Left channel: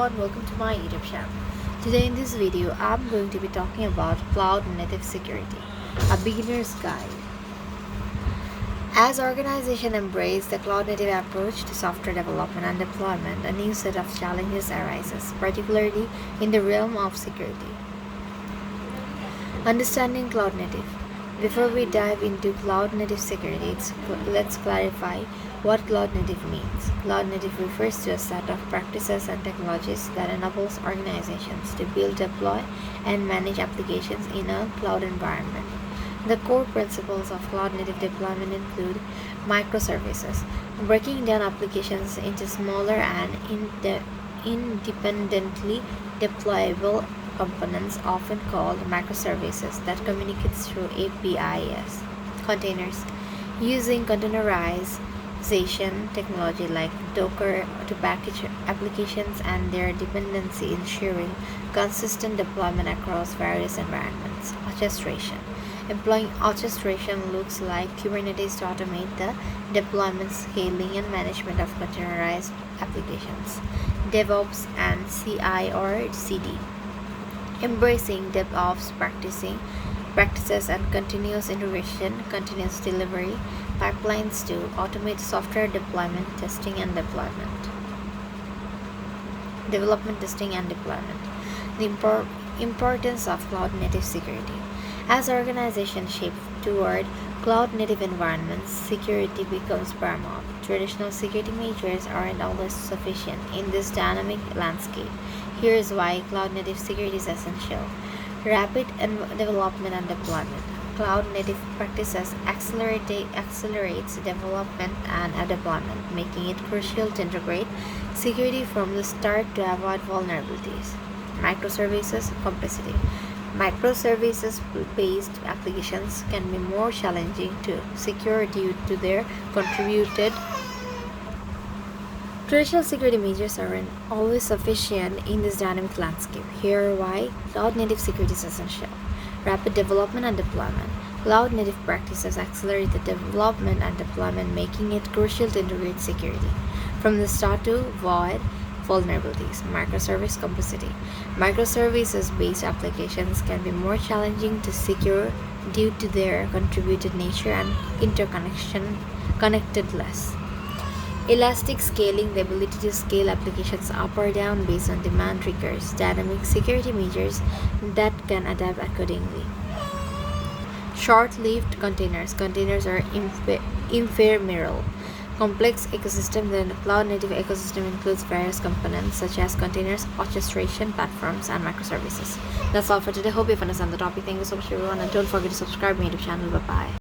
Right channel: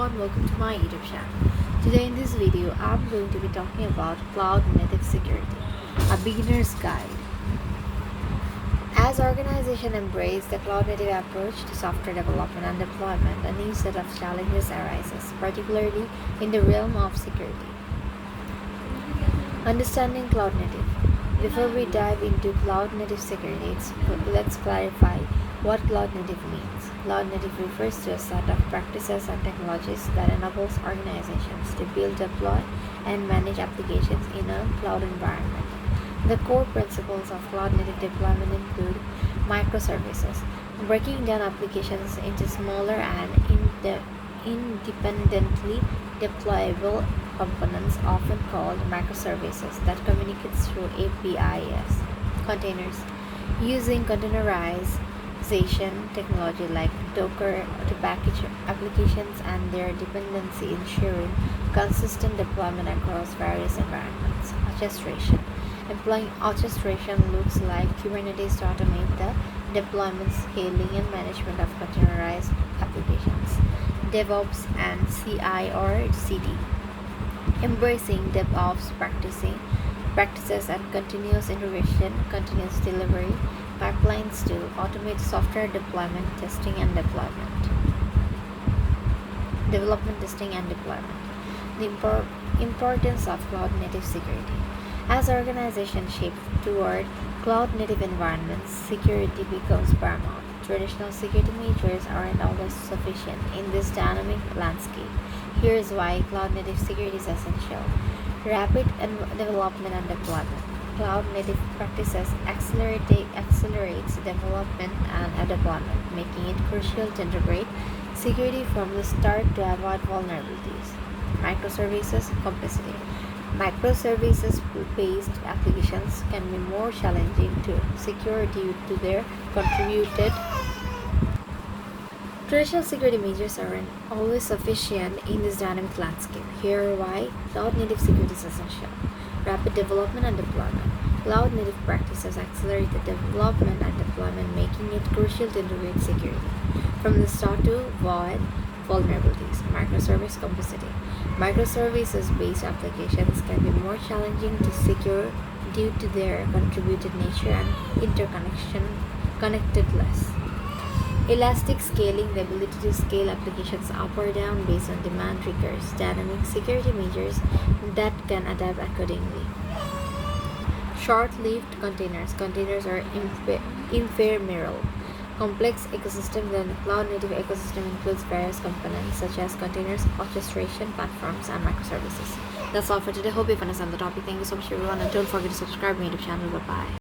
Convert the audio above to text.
everyone, welcome to my YouTube channel. Today in this video, I'm going to be talking about Cloud Native Security, a beginner's guide. As organizations embrace the cloud native approach to software development and deployment, a new set of challenges arises, particularly in the realm of security. Understanding Cloud Native. Before we dive into Cloud Native security, let's clarify what Cloud Native means. Cloud Native refers to a set of practices and technologies that enables organizations to build, deploy, and manage applications in a cloud environment. The core principles of Cloud Native deployment include microservices, breaking down applications into smaller and independently deployable components, often called microservices, that communicates through APIs. Containers, using containerization technology like Docker to package applications and their dependency, ensuring consistent deployment across various environments. Orchestration. Employing orchestration looks like Kubernetes to automate the deployment, scaling, and management of containerized applications. DevOps and CI or CD. Embracing DevOps practices and continuous integration, continuous delivery pipelines to automate software development, testing, and deployment. The importance of cloud native security. As organizations shift toward cloud native environments, security becomes paramount. Traditional security measures aren't always sufficient in this dynamic landscape. Here's why cloud native security is essential. Rapid development and deployment. Cloud native practices accelerates development and deployment, making it crucial to integrate security from the start to avoid vulnerabilities. Microservices complexity. Microservices-based applications can be more challenging to secure due to their contributed. Traditional security measures aren't always sufficient in this dynamic landscape. Here are why cloud native security is essential. Rapid development and deployment. Cloud native practices accelerate the development and deployment, making it crucial to integrate security from the start to avoid vulnerabilities. Microservice complexity. Microservices-based applications can be more challenging to secure due to their contributed nature and connectedness. Elastic scaling, the ability to scale applications up or down based on demand triggers dynamic security measures that can adapt accordingly. Short-lived containers. Containers are ephemeral. Complex ecosystem. The cloud-native ecosystem includes various components such as containers, orchestration platforms, and microservices. That's all for today. Hope you understand the topic. Thank you so much, everyone, and don't forget to subscribe to my YouTube channel. Bye bye.